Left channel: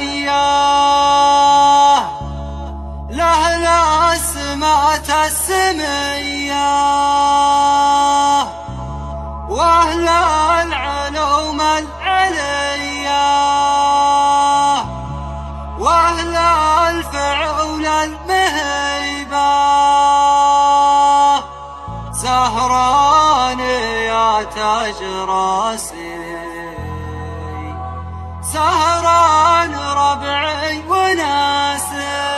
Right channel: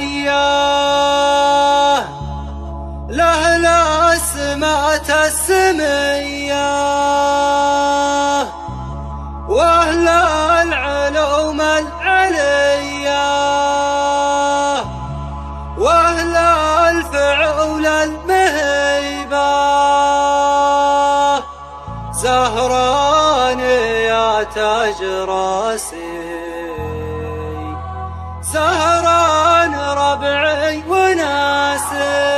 علياه لأهل السمات السمية وأهل العلوم العلية وأهل الفعول المهيبة زهران يا تاج راسي سهران ربعي وناسي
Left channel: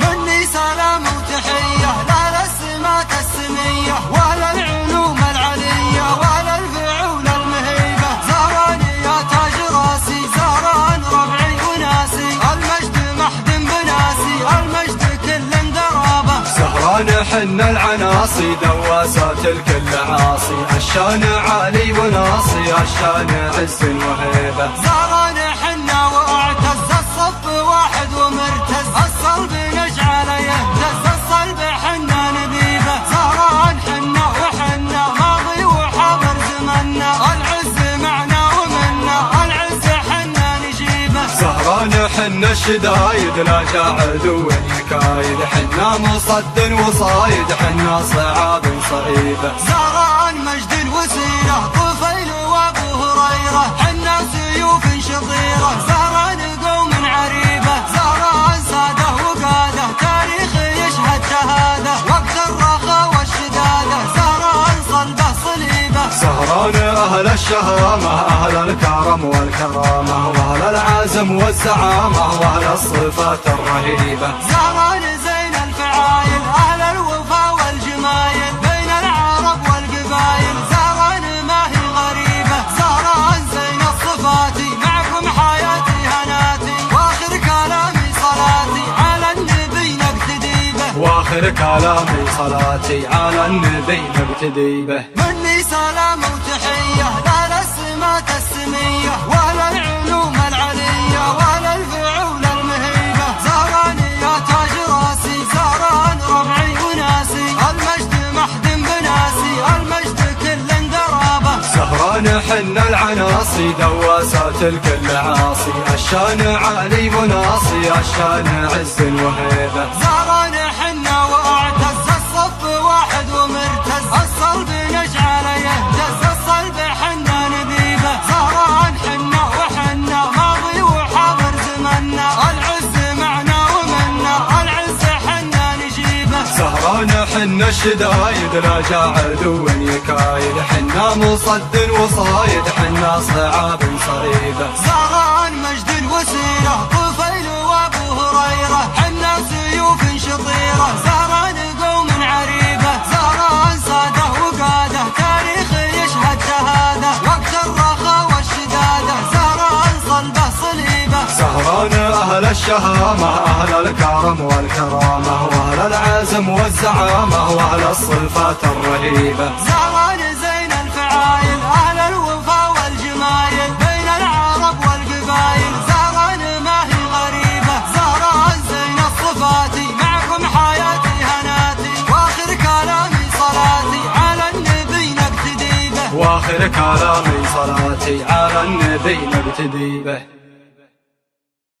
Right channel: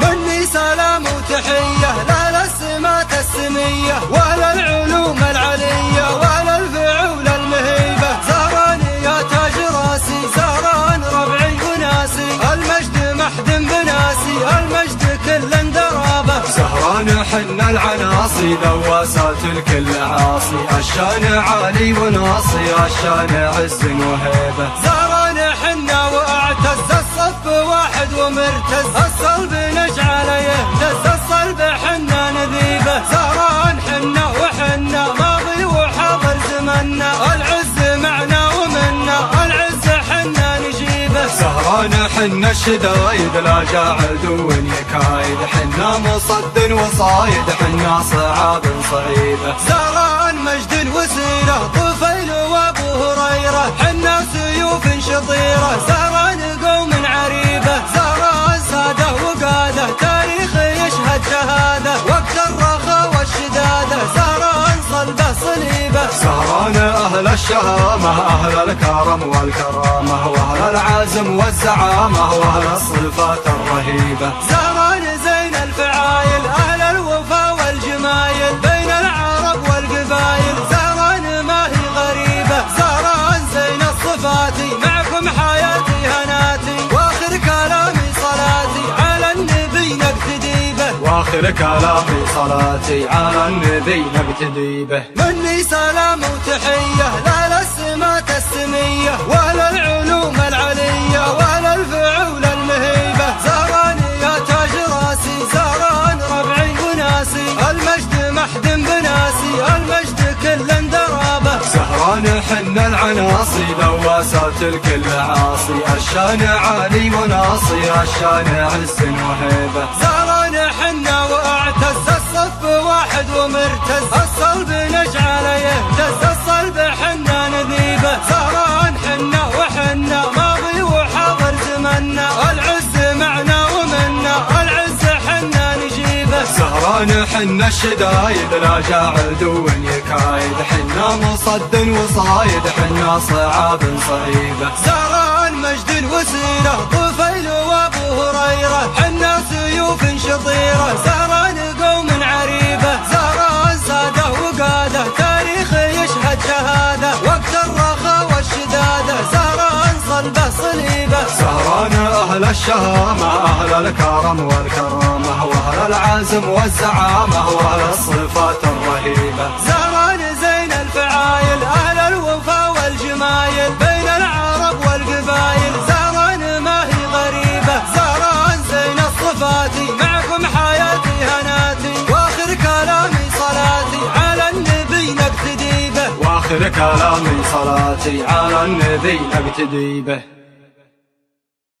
مني سلام وتحية للسمات السمية ولا العلوم العلية ولا الفعول المهيبة زهران يا تاج راسي سهران ربعي وناسي المجد محد بناسي المجد كل درابة سهران حنا العناصي دواسات الكل عاصي الشان عالي وناصي الشان عز وهيبة زهران حنا واعتز الصف واحد ومرتز الصلب نجعل يهتز الصلب حنا نذيبه زهران حنا وحنا ماضي وحاضر زمنا العز معنا ومنا العز حنا نجيبه سهران حنا الشدايد راجع عدو يكايد حنا مصد وصايد حنا صعاب وصعيبه زهران مجد وسيره طفيل وابو هريره حنا سيوف شطيره زهران قوم عريبه زهران ساده وقاده تاريخ يشهد شهاده وقت الرخاء والشداده زهران صلبه صليبه سهران اهل الشهامه اهل الكرم والكرامه واهل العزم والزعامه واهل الصفات الرهيبه زهران زين الفعايل اهل الوفا والجمايل بين العرب والقبايل زهران ما هي غريبه زهران زين الصفات معكم حياتي هناتي واخر كلامي صلاتي على النبي نقتدي به واخر كلامي صلاتي على النبي نقتدي به مني سلام وتحيه للسمات السميه واهل العلوم العليه واهل الفعول المهيبه زهران يا تاج راسي زهران ربعي وناسي المجد محد بناسي المجد كل درابه سهران حنا العناصي دواسات الكل عاصي الشان عالي وناصي الشان عز وهيبه زهران حنا واعتز الصف واحد ومرتز الصلب نجعل يهتز الصلب حنا نذيبه زهران حنا وحنا ماضي وحاضر زمنا العز معنا ومنا العز حنا نجيبه سهران حنا الشدايد راجع عدو يكايد حنا مصد وصايد حنا صعاب صعيبه زهران مجد وسيره طفيل وابو هريره حنا سيوف شطيره زهران قوم عريبه زهران ساده وقاده تاريخ يشهد شهاده وقت الرخاء والشداده زهران صلبه صليبه سهران اهل الشهامه اهل الكرم والكرامه واهل العزم والزعامه واهل الصفات الرهيبه زهران زين الفعايل اهل الوفا والجمايل بين العرب والقبايل زهران ما هي غريبه زهران زين الصفات معكم حياتي هناتي واخر كلامي صلاتي على النبي نقتدي به واخر كلامي صلاتي على النبي نقتدي به